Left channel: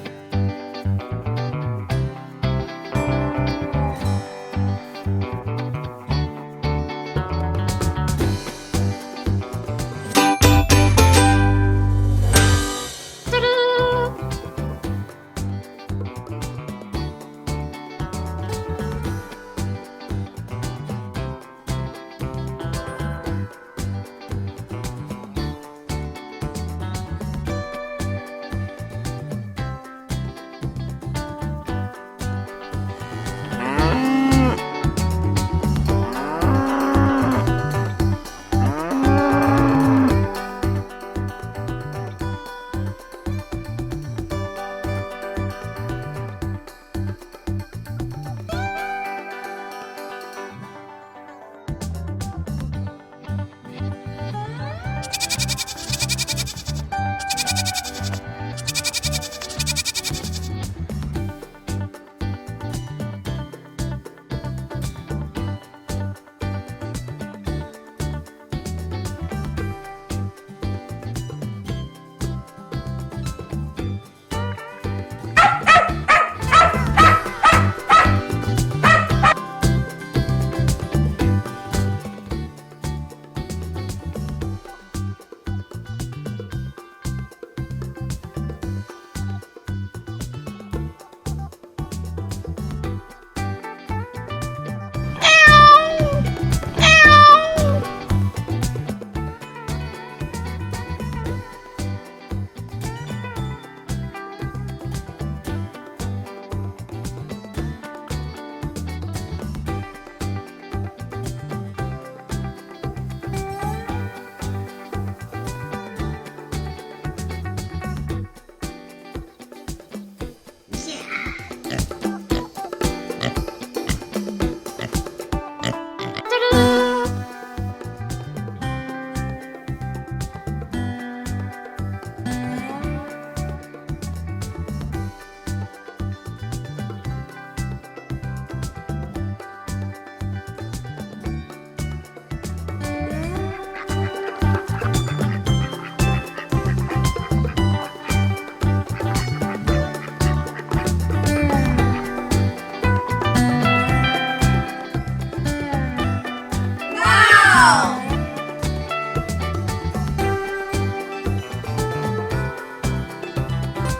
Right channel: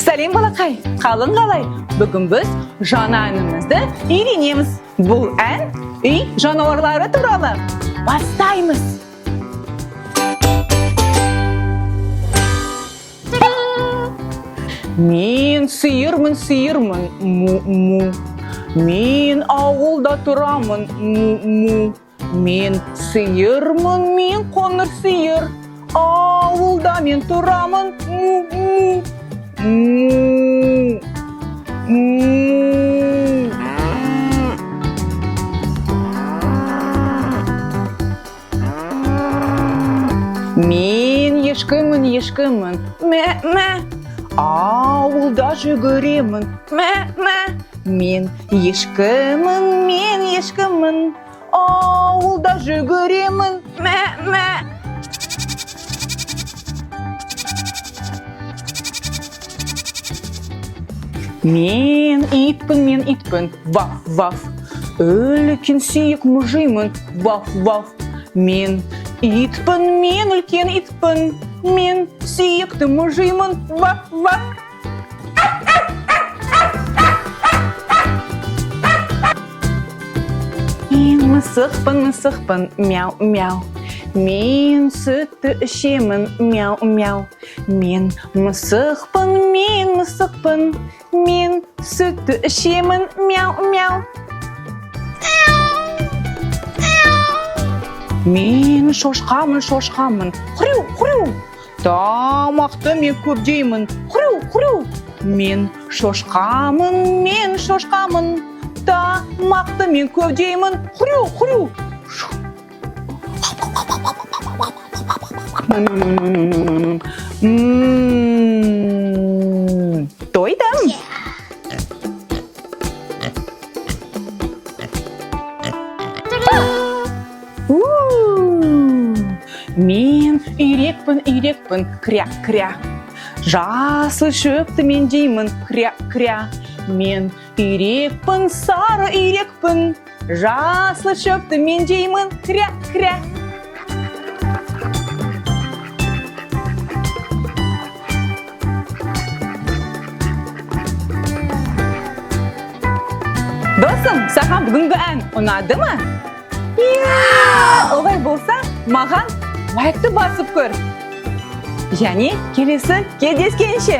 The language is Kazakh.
Сәлем балақай, қалың қалай? Бүгін біз жаңа әнімізді үйренеміз. Бұл ән үй жануарлары туралы. Бастаймыз. Мен сиырмын, му-му. Мен ауылда тұрамын, му-му. Мен сиырмын, мен қоңыр сиыр. Ауылда мен тұрамын, му-му. Мен ешкімін, мә-мә. Ауылда жүгіремін, мә-мә. Мен ешкімін. Ауылда жүгіремін, мә-мә. Мен итпін, ваф-ваф. Үлкен сүйек мұжимын, ваф-ваф. Мен үлкен итпін. Мен сүйекті мұжимын, ваф-ваф. Мен мысықпын, мяу-мяу. Мен сүтті ішемін, мяу-мяу. Мен мысықпын. Мен сүтті ішемін, мяу-мяу. Мен шошқамын, хрю-хрю. Тамақты мен көп жеймін, хрю-хрю. Мен шошқамын. Тамақты мен көп жеймін, хрю-хрю. Тойдым. Мен үйрекпін, кря-кря. Жасыл шөпті мен жеймін, кря-кря. Мен үйрекпін, сары үйрекпін. Жасыл шөпті мен жеймін, кря-кря. Досым, саған бүгінгі ән ұнады ма? Олай болса, маған лайкты басып көр. Және келесі кездескенше.